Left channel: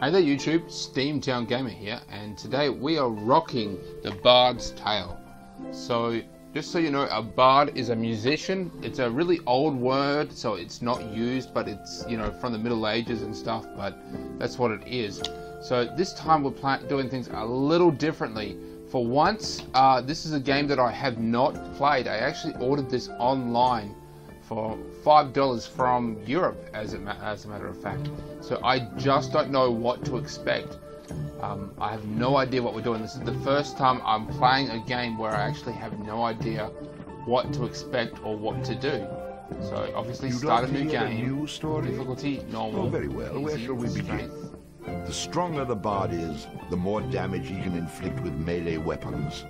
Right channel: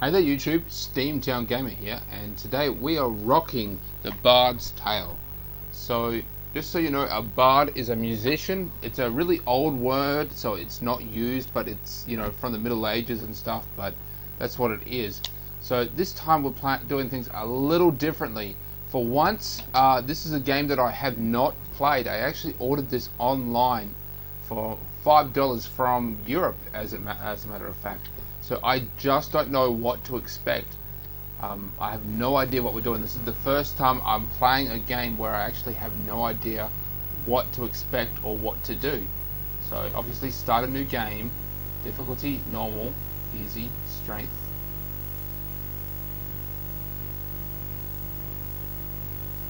Hey there YouTube, Steamtown Gamer here, and today we are rocking the Bard's Tale. So, just so you know, a bard is a musician. It's a really old word, so it's not used, but it's, you know, from the Middle Ages and stuff, but that's what it is. So this time we're doing things a little differently. For once, this is a game that I have not played. I actually ordered this online for $5 from Europe, as a matter of fact. So I just don't know what to expect. I have no idea what we're doing. This is the first time I'm playing a game where I actually have no idea what to expect or what to do. So obviously start a new game, difficulty normal, easy, strength. The stronger the bard is, the more damage he can inflict with melee weapons.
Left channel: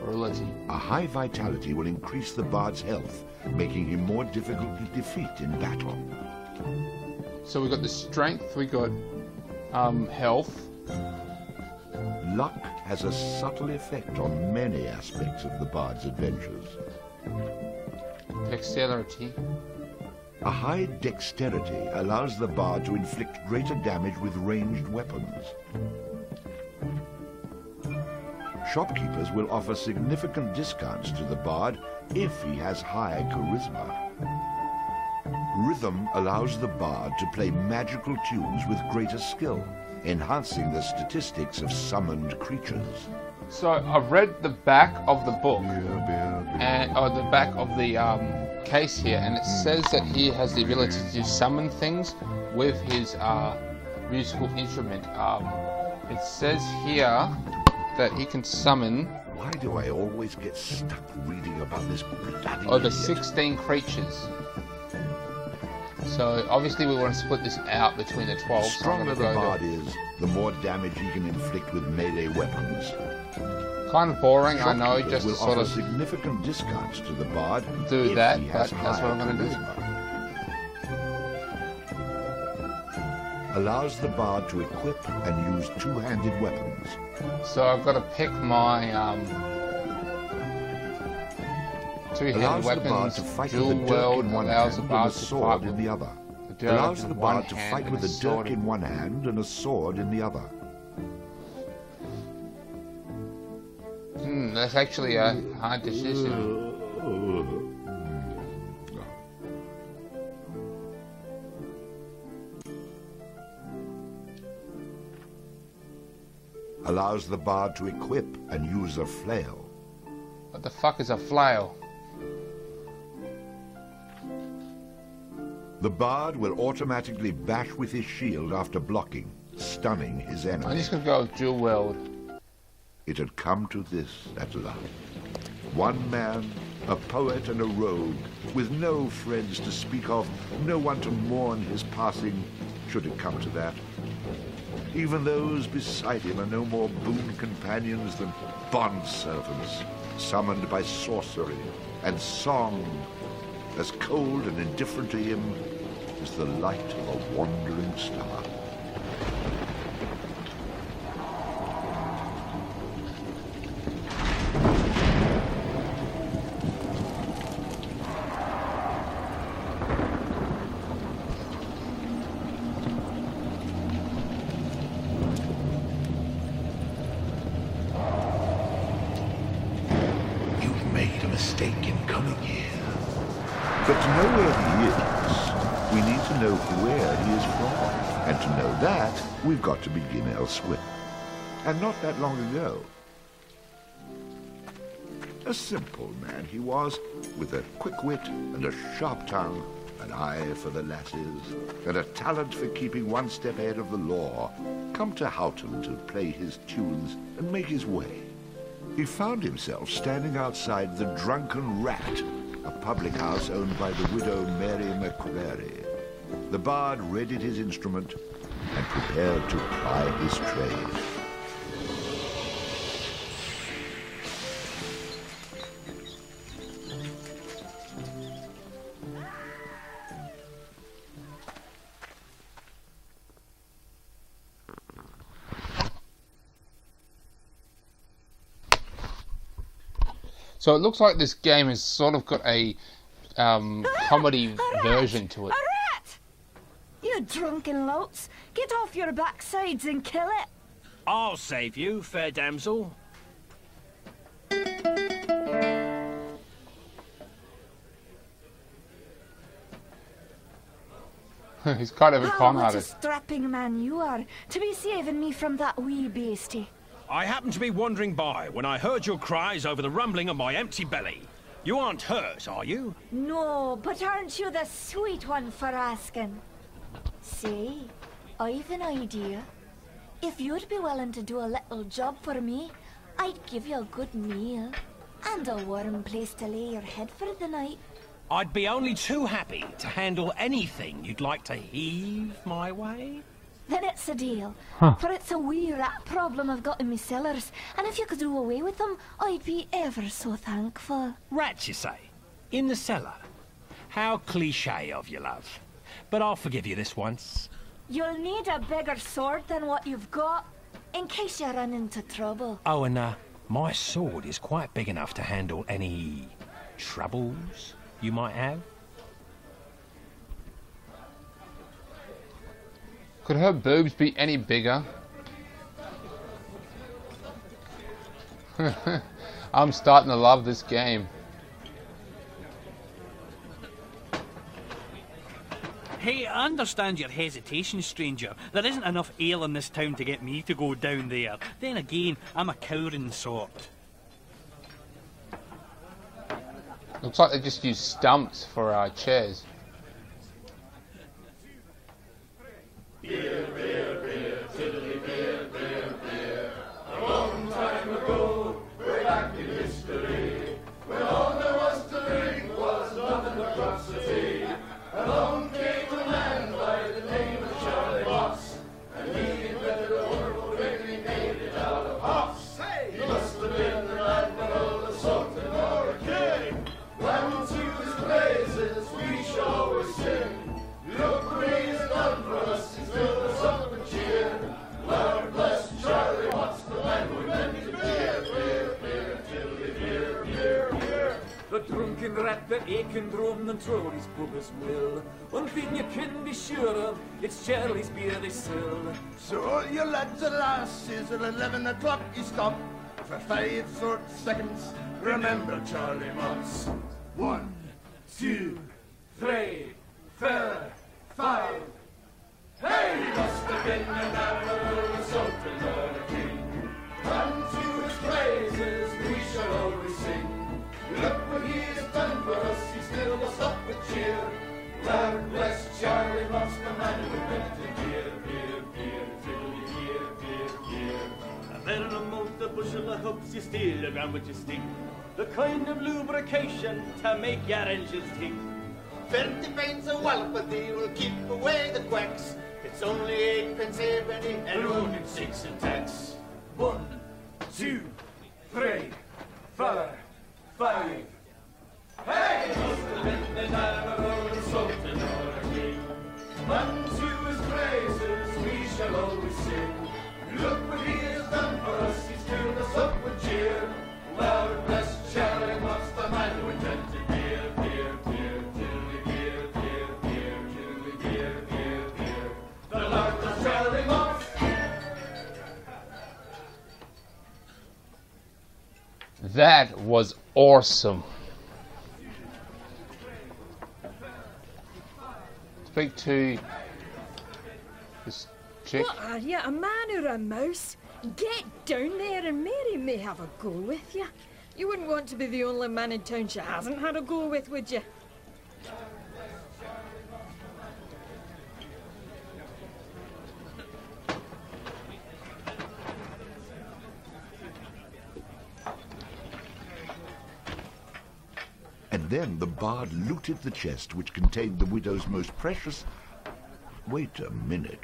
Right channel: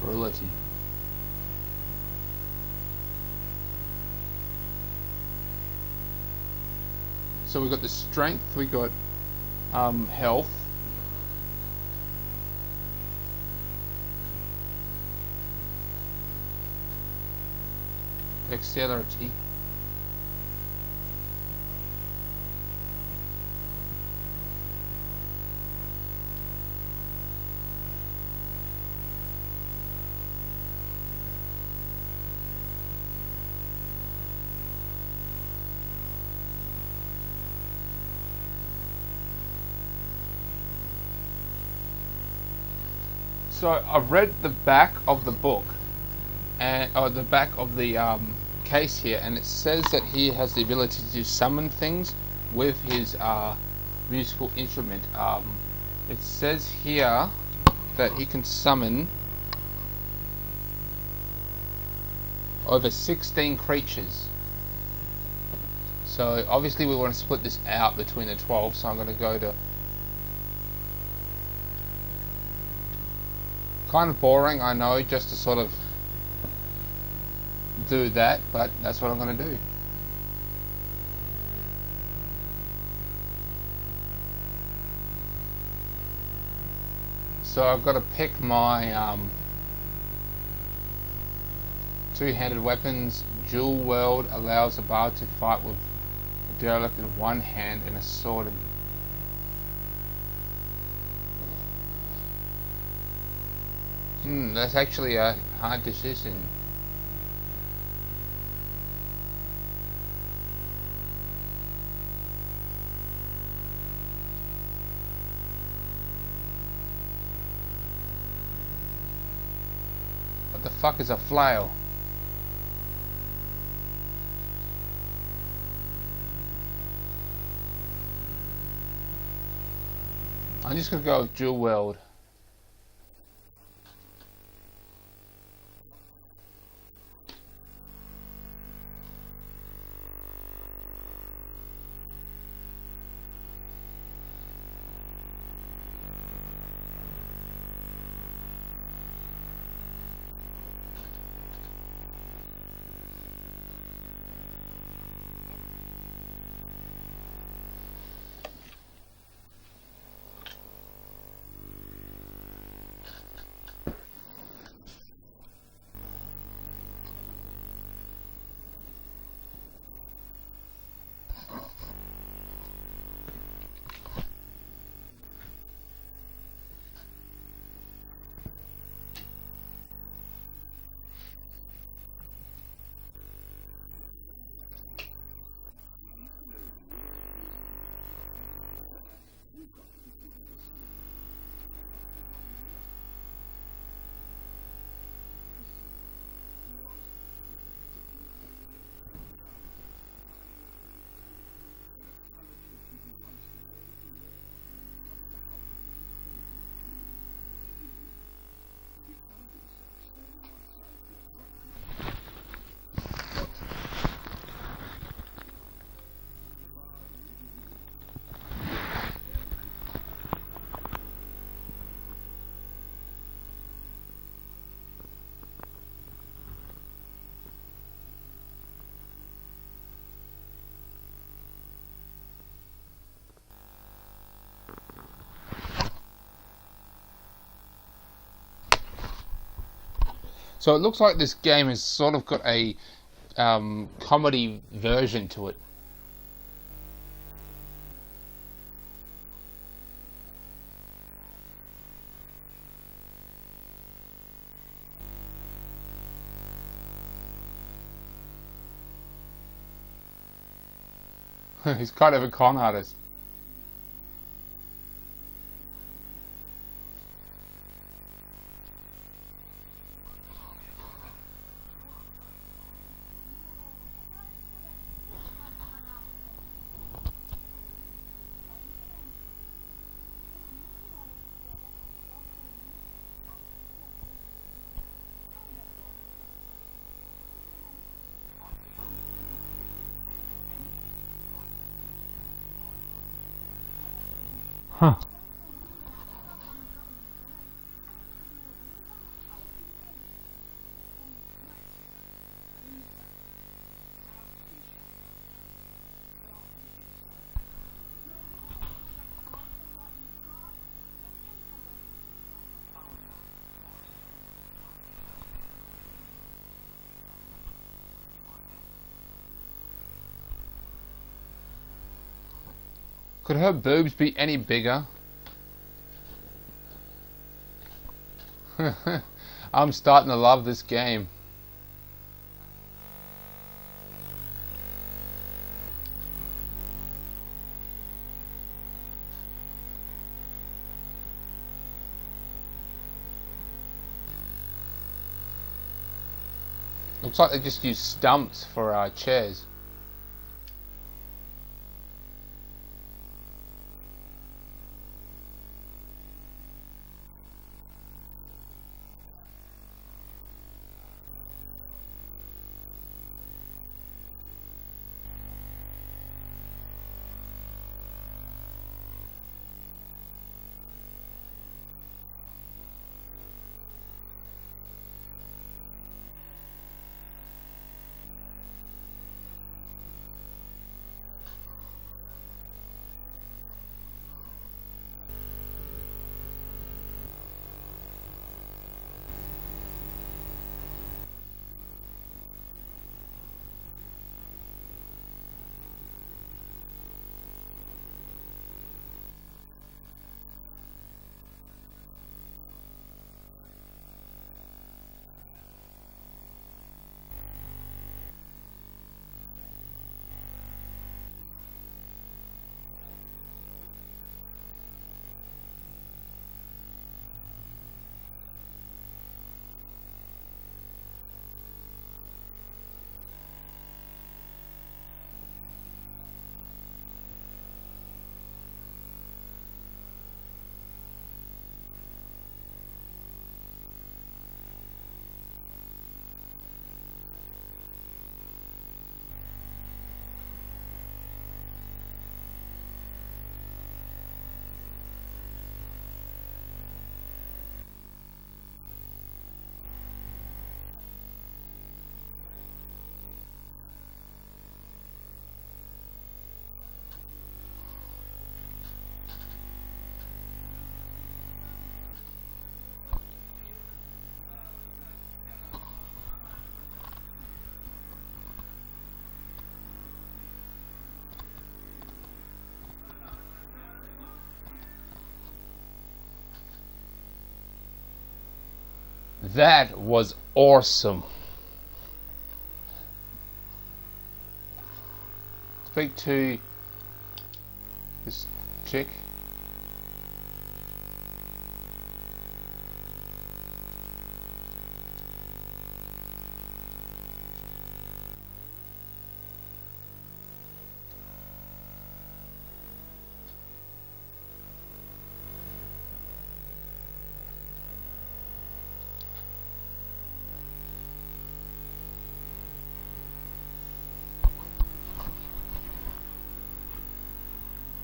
Virility. A high vitality will increase the bard's health, making him more difficult to defeat in battle. So we got the strength, we got health. Luck has a subtle effect on many aspects of the bard's adventures. Dexterity. A high dexterity allows the bard to inflict greater damage with ranged weapons. Shopkeepers will offer significant discounts to the bard if he has high charisma. Rhythm allows the bard to play magical tunes with greater skill, enhancing the statistics of summoned creatures. So I've read the back of the book, or the back of the case here, and it says that he has the ability to summon things with his musical instrument. It says here that he can summon Why do I always get stuck reading about this bloody over idiot? 16 creatures. So obviously we want to split this out between the 12, so I'm going to go the to... bard is, the more damage he can inflict with melee weapons. Kind of boring, I know, just to Will sort offer of significant discounts to the bard do if that, he but has that's what I'm high going to do. charisma. Allows the bard to equip and use two-handed weapons. So I've got to pick my two-handed Allows the bard weapons. to fight Dual with a dirk World in one allows the hand bard and a to sword fight in with the other. a derelict Allows in the one bard to hand fight and a with sword dirk in... in one hand and a sword in the other. That's actually a hard decision. Allows the bard to equip and use a flail. What the fuck is a flail? The bard will automatically bash with his shield after blocking, stunning his enemy. I'm just going to go with Dual World. It had come to this at last. One man, a poet and a rogue, with no friends to speak of, no one to mourn his passing, should it come to that. Even those beside him are no more boon companions than bondservants, summoned by sorcery and song, as cold and indifferent to him as the light of a wandering star. You've made a mistake in coming here. But to know where he is, we need to know where he is from. And to know that, we've got to begin elsewhere. And not that long ago. A simple man he was, with a quick wit and a sharp tongue, an eye for the lasses, and a talent for keeping one step ahead of the law, come to Houghton to play his tunes and make his way. He found himself standing outside the Drunken Rat, a public house owned by the widow Mary McCreary. The bard readied his instrument and prepared to ply his trade. So it looks like this game has sort of got a comedy version to it. A rat! You You drunken louts! Get off your backsides and kill it! I'll save you, fair damsel. He's kind of a con What a artist. strapping man you are, to be saving me from that wee beastie. I happened to be wandering by when I heard your cries over the rumbling of my empty belly. You aren't hurt, are you? No, but aren't you the sweet one for asking? Say, I've an idea. If you'd be willing to do a little job for me, I'd give you a good meal and a warm place to lay your head for the night. I'd be only too happy to handle anything you'd like to heave my way. Then it's a deal. Huh. For it's a wee rat problem I've got in my cellars, and if you could do away with them, I'd be ever so thankful. Rats, you say? In the cellar? How cliché of you, love. But I'll forgive you this once. You'll need a bigger sword than what you've got, in case you run into trouble. Oh, and my sword is quite big enough to handle any troubles you might have. Could her boobs be any bigger? I'm starting to love this game. Hey, I understand your hesitation, stranger. There isn't enough ale in this town to get me to go down there. Then again, I'm a cowering sort. Looks like they just use stumps for chairs. Trolley's Bubba's Mill. One thing you can be sure of, it's Charlie's beer they sell. So all you lads and lasses, at 11 o'clock you stop for 5 short seconds. Remember Charlie Moss. 1, 2, 3, 4, 5. Hey! He must have been an admiral or something or a king. Unto his praises we shall always sing. Look what he has done for us, he's filled us up with cheer. Lord bless Charlie Moss, the man who invented beer, beer, beer, tiddly, beer, beer, beer. A better amount the bushel of hooks you steal around with your stick. The kind of lubrication to make your engines tick. 20 pints of Walpathy will keep away the quacks. It's only 8 pence halfpenny and only 6 in tax. 1, 2, 3, 4, 5. Hey! He must have been an admiral or something or a king. Unto his praises we shall always sing. Look what he has done for us, he's filled us up with cheer. Lord bless Charlie Moss, the man who invented beer, beer, beer, tiddly, beer, beer, beer, tiddly, beer, beer, beer. The Lord bless Charlie Moss. That was awesome. Speak to this chick. What are you, a man or a mouse? Get down there and Mary may have a go with you. You wouldn't want to be the only man in town she hasn't had a go with, would you? And then the bard looted the chest which contained the widow's most precious... Wait a minute.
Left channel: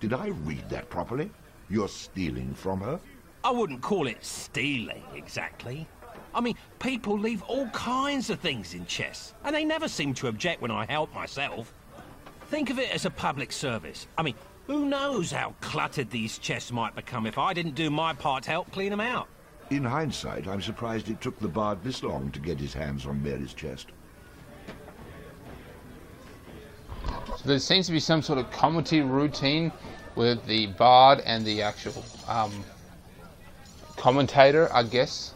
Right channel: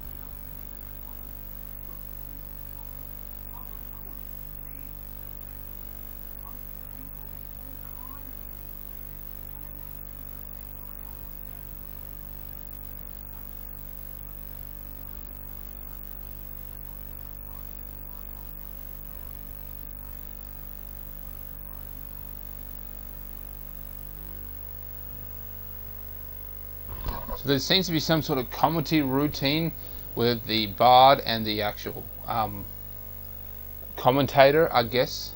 Did I read that properly? You're stealing from her? I wouldn't call it stealing, exactly. I mean, people leave all kinds of things in chests, and they never seem to object when I help myself. Think of it as a public service. I mean, who knows how cluttered these chests might become if I didn't do my part to help clean them out. In hindsight, I'm surprised it took the bard this long to get his hands on Mary's chest. So there seems to be some sort of comedy routine with the bard and the actual commentator, I guess.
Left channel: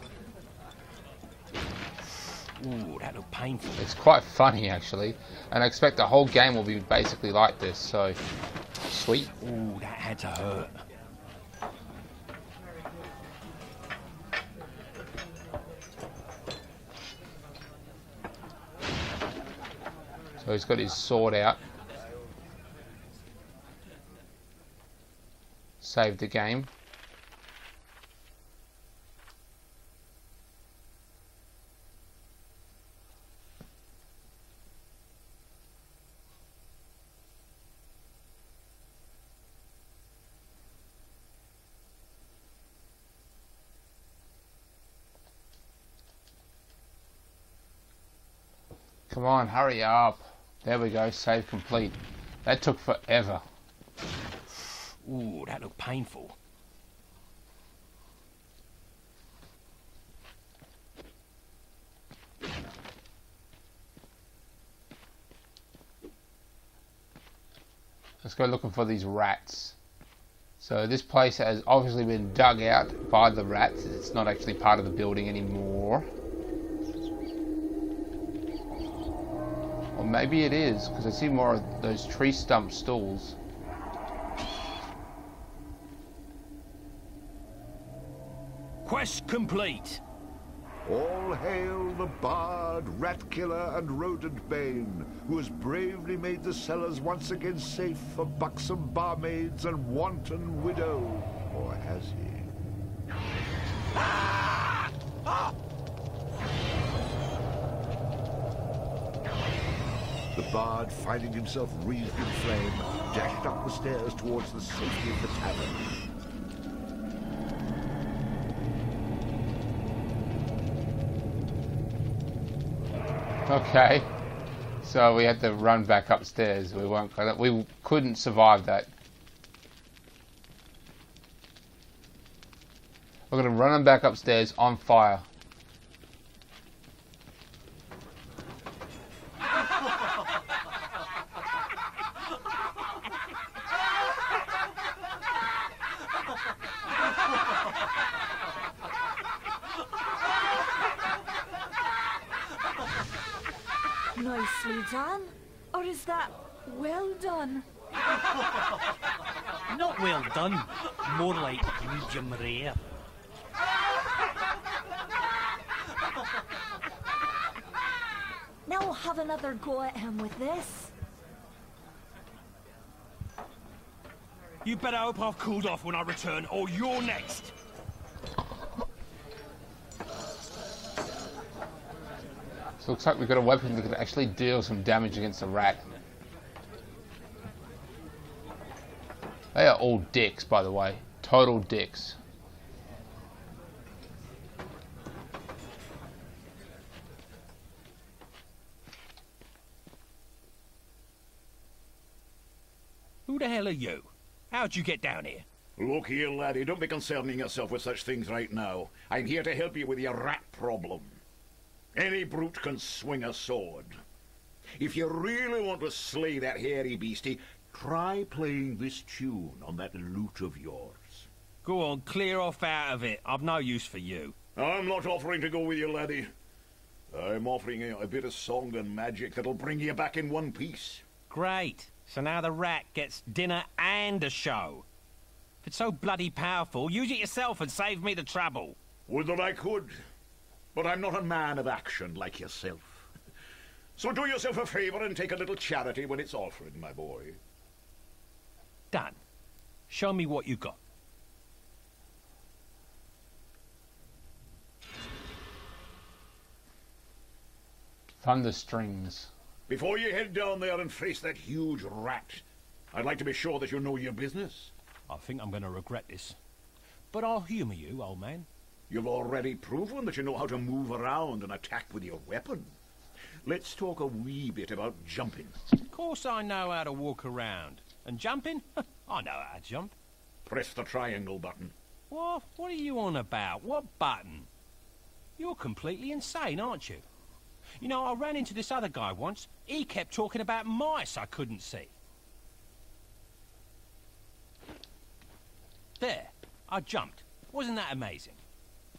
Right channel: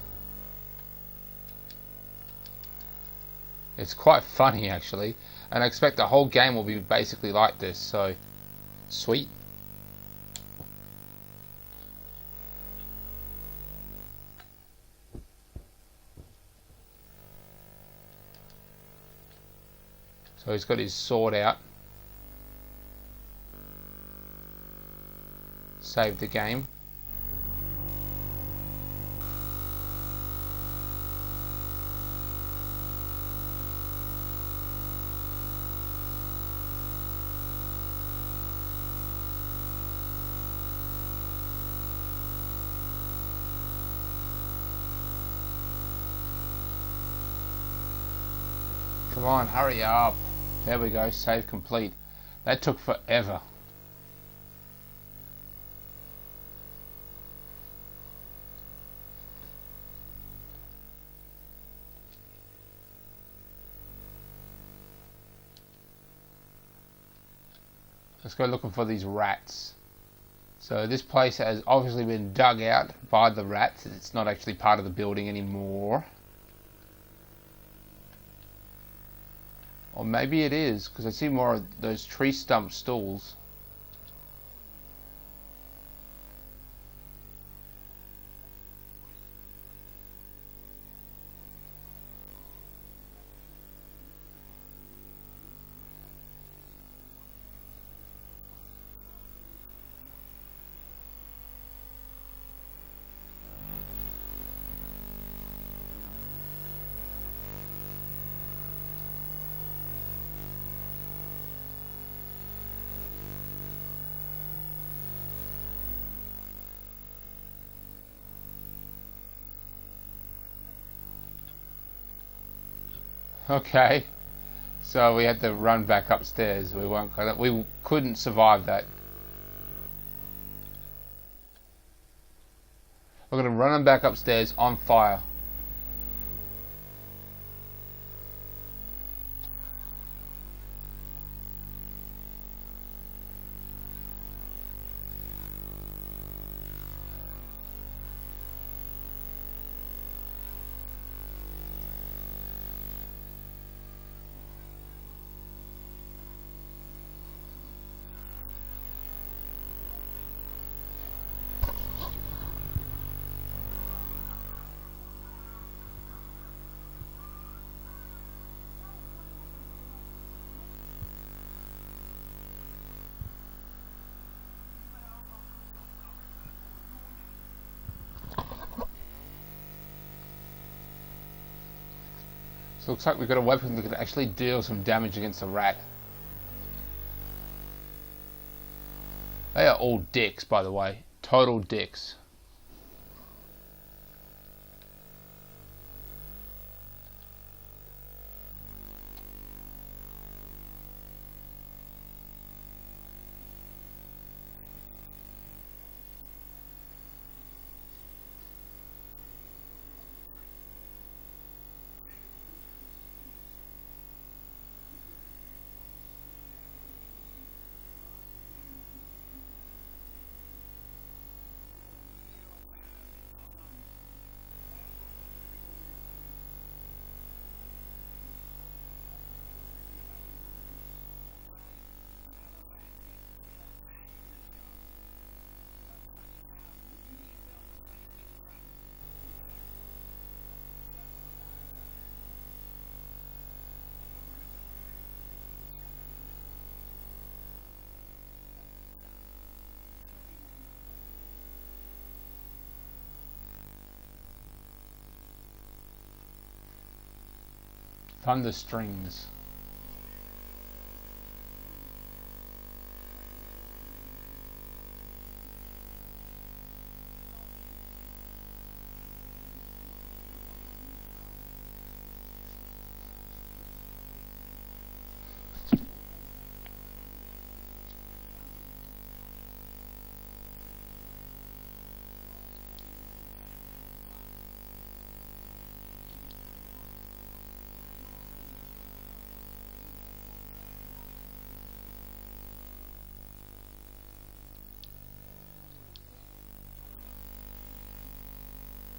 Ooh, that looked painful. It's quite funny actually, and I expect the whole game will be basically like this, so sweet. Ooh, that had to hurt. So he's got his sword out. Saved the game. Come on, hurry up. There we go, save complete. That took forever. Ooh, that looked painful. Let's go looking for these rats. So this place has obviously been dug out by the rats. It's not actually part of the building anymore. Or maybe it is, because I see more of those tree stump stools. Quest complete. All hail the bard, rat killer, and rodent bane, who has bravely made the cellars once again safe for buxom barmaids and wanton widows. Or has he? The bard, finding himself wreathed in flame, dashed up the stairs towards the safety of the tavern. Okay, so we had to run back upstairs. We couldn't survive that. We're gonna run them back upstairs on fire. Nicely done. Or is that well done? Not well done. More like medium rare. Now we'll have another go at him with this. You better hope I've cooled off when I return, or you're next. So it looks like we've got a weapon that can actually deal some damage against a rat. They are all dicks, by the way. Total dicks. Who the hell are you? How'd you get down here? Look here, laddie, don't be concerning yourself with such things right now. I'm here to help you with your rat problem. Any brute can swing a sword. If you really want to slay that hairy beastie, try playing this tune on that lute of yours. Go on, clear off out of it. I've no use for you. I'm not offering to go with you, laddie. I'm offering you a bit of song and magic that'll bring you back in one piece. Great. So now the rat gets dinner and a show. If it's so bloody powerful, use it yourself and save me the trouble. Would that I could. But I'm not a man of action like yourself. So do yourself a favor and take a little charity when it's offered, my boy. Done. Show me what you got. Thunder strings. Before you head down there and face that huge rat, I'd like to be sure that you know your business. I think I'm going to regret this. But I'll humour you, old man. You've already proven that you know how to move around and attack with your weapon. Let's talk a wee bit about jumping. Of course I know how to walk around. And jumping? I know how to jump. Press the triangle button. What? What are you on about? What button? You're completely insane, aren't you? You know, I ran into this other guy once. He kept talking about mice I couldn't see. There, I jumped. Wasn't that amazing?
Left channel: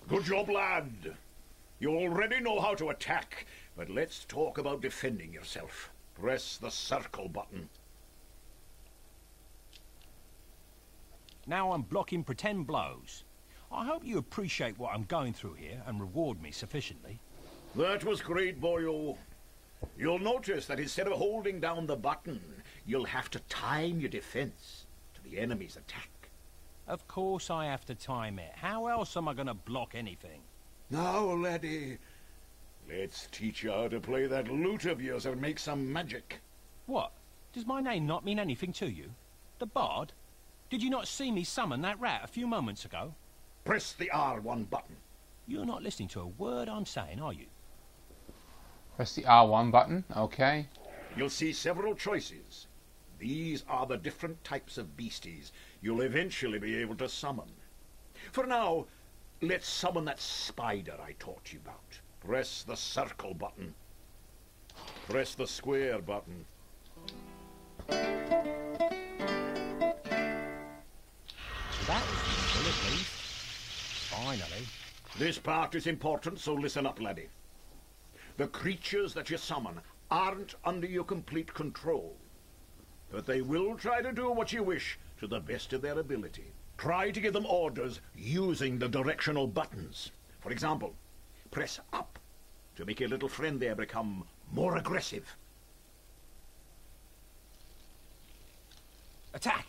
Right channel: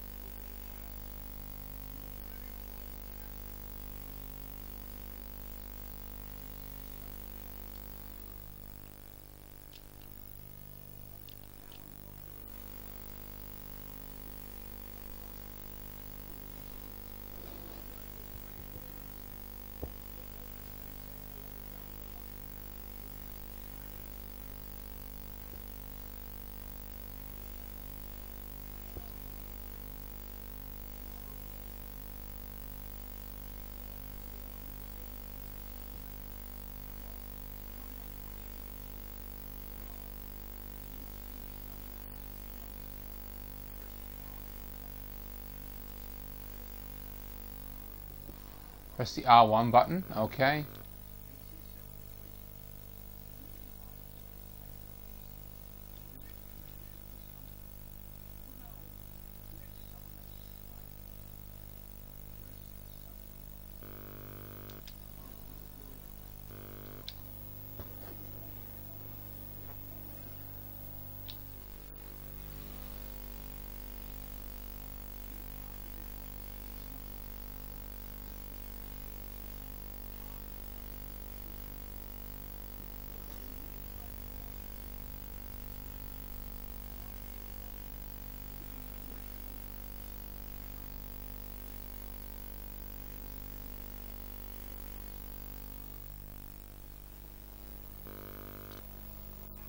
Good job, lad. You already know how to attack, but let's talk about defending yourself. Press the circle button. Now I'm blocking pretend blows. I hope you appreciate what I'm going through here and reward me sufficiently. That was great, boyo. You'll notice that instead of holding down the button, you'll have to time your defense to the enemy's attack. Of course I have to time it. How else am I going to block anything? Now, laddie, let's teach you how to play that lute of yours and make some magic. What? Does my name not mean anything to you? The Bard? Did you not see me summon that rat a few moments ago? Press the R1 button. You're not listening to a word I'm saying, are you? Press the R1 button, okay. You'll see several choices. These are the different types of beasties you'll eventually be able to summon. For now, let's summon that spider I taught you about. Press the circle button. Press the square button. That was useful, at least. Finally. This part is important, so listen up, laddie. The creatures that you summon aren't under your complete control, but they will try to do what you wish to the best of their ability. Try to give them orders using the directional buttons. For example, press up to make your little friend there become more aggressive. Attack!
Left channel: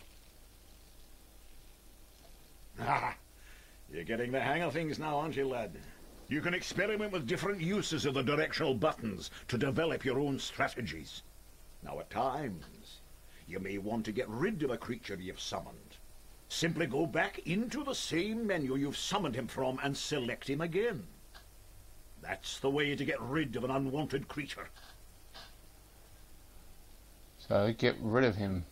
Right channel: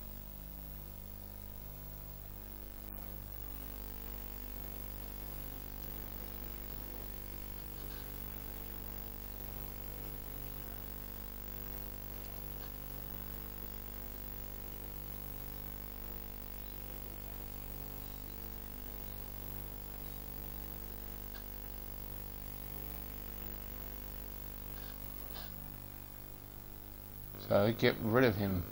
Ah, you're getting the hang of things now, aren't you, lad? You can experiment with different uses of the directional buttons to develop your own strategies. Now, at times, you may want to get rid of a creature you've summoned. Simply go back into the same menu you've summoned him from and select him again. That's the way to get rid of an unwanted creature. So get rid of him.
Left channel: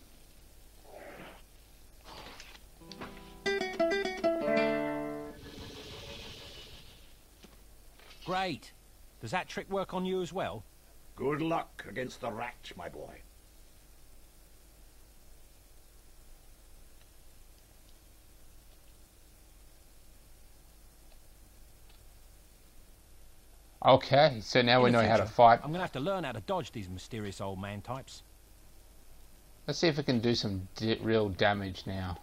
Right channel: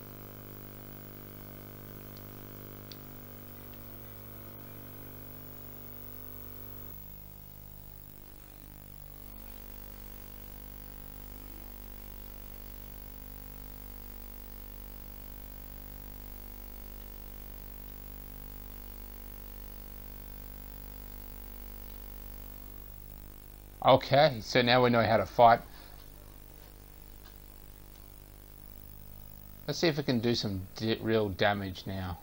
Great. Does that trick work on you as well? Good luck against the rat, my boy. Okay, so now we know how to fight. I'm going to have to learn how to dodge these mysterious old man types. Let's see if we can do some real damage now.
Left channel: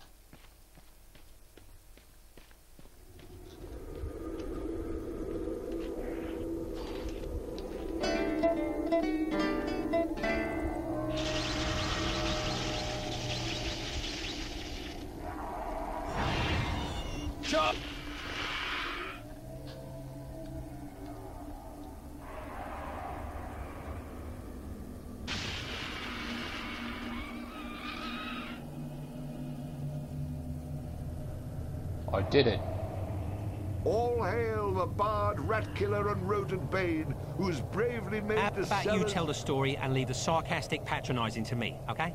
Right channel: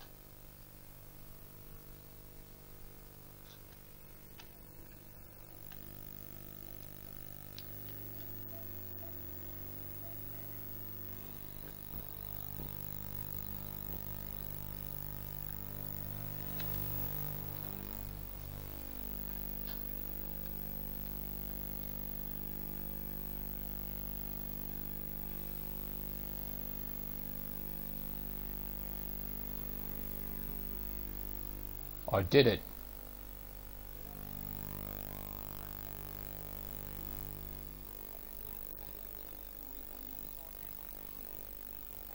Chop! I did it. All hail the bard, rat killer, and rodent bane, who's bravely made How the about you cellar... tell the story and leave the sarcastic patronising to me, okay?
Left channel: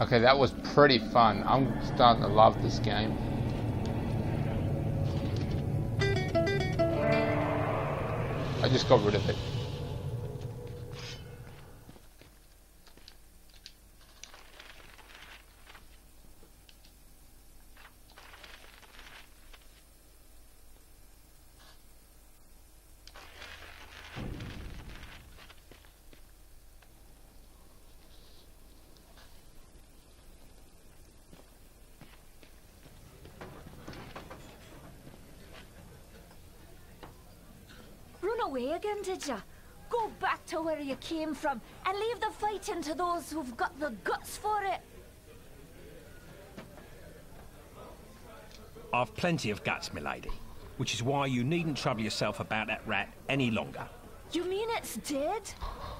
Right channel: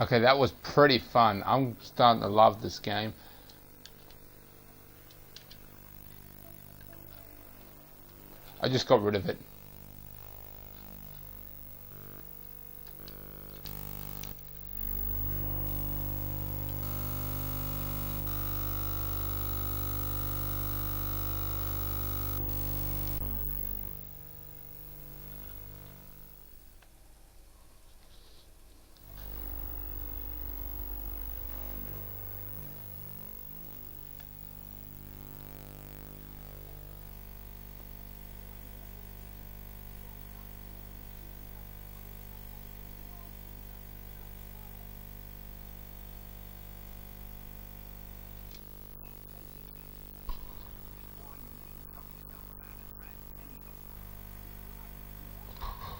Okay, that was pretty fun. I'm starting to love this game. I just got rid of it. Run away again, did ya? Go back to where you came from and leave the fighting to those who've got the guts for it. I've plenty of guts, milady, which is why you needn't trouble yourself about that rat any longer. You mean it's dead?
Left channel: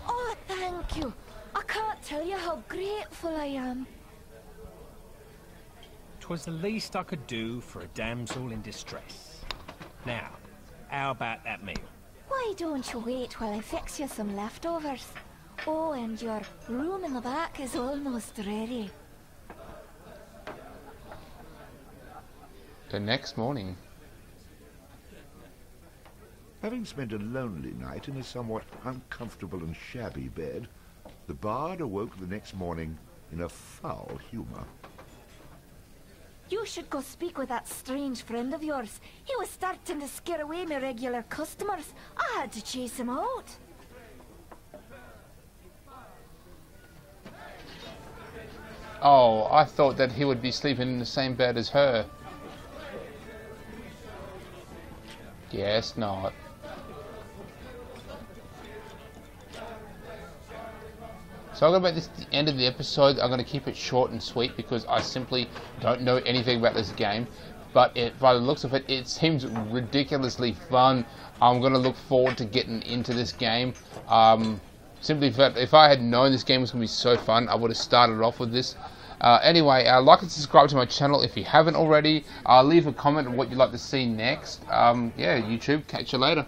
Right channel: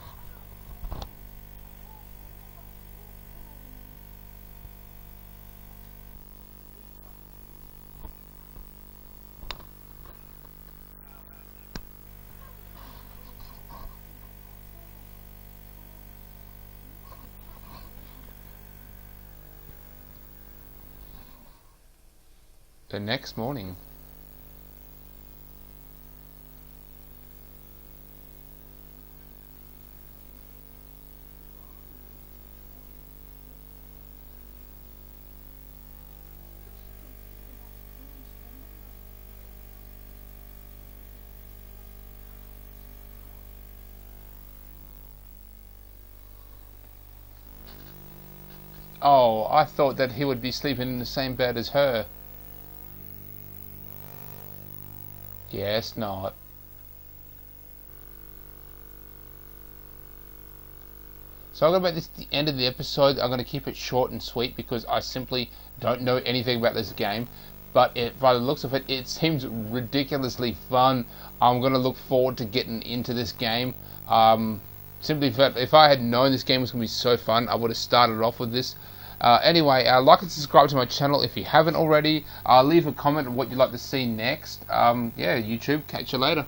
Oh, thank you. I can't tell you how grateful I am. 'Twas the least I could do for a damsel in distress. Now, how about that meal? Why don't you wait while I fix you some leftovers? Oh, and your room in the back is almost ready. The next morning. Having spent a lonely night in a somewhat uncomfortable and shabby bed, the bard awoke the next morning in a foul humor. You should go speak with that strange friend of yours. He was starting to scare away my regular customers. I had to chase him out. Oh, I thought that he would be sleeping in the same bed as her. Guess not. So I'm going to make this the end of the episode. I'm going to keep it short and sweet because I simply don't know anything about this game. But by the looks of it, it seems ridiculously fun. I'm going to look forward to getting into this game. Simply, if I had known this game was going to be so fun, I would have started off with this. Anyway, like and subscribe to my channel if you haven't already. Leave a comment on what you'd like to see next. Yeah, YouTube, catch you later.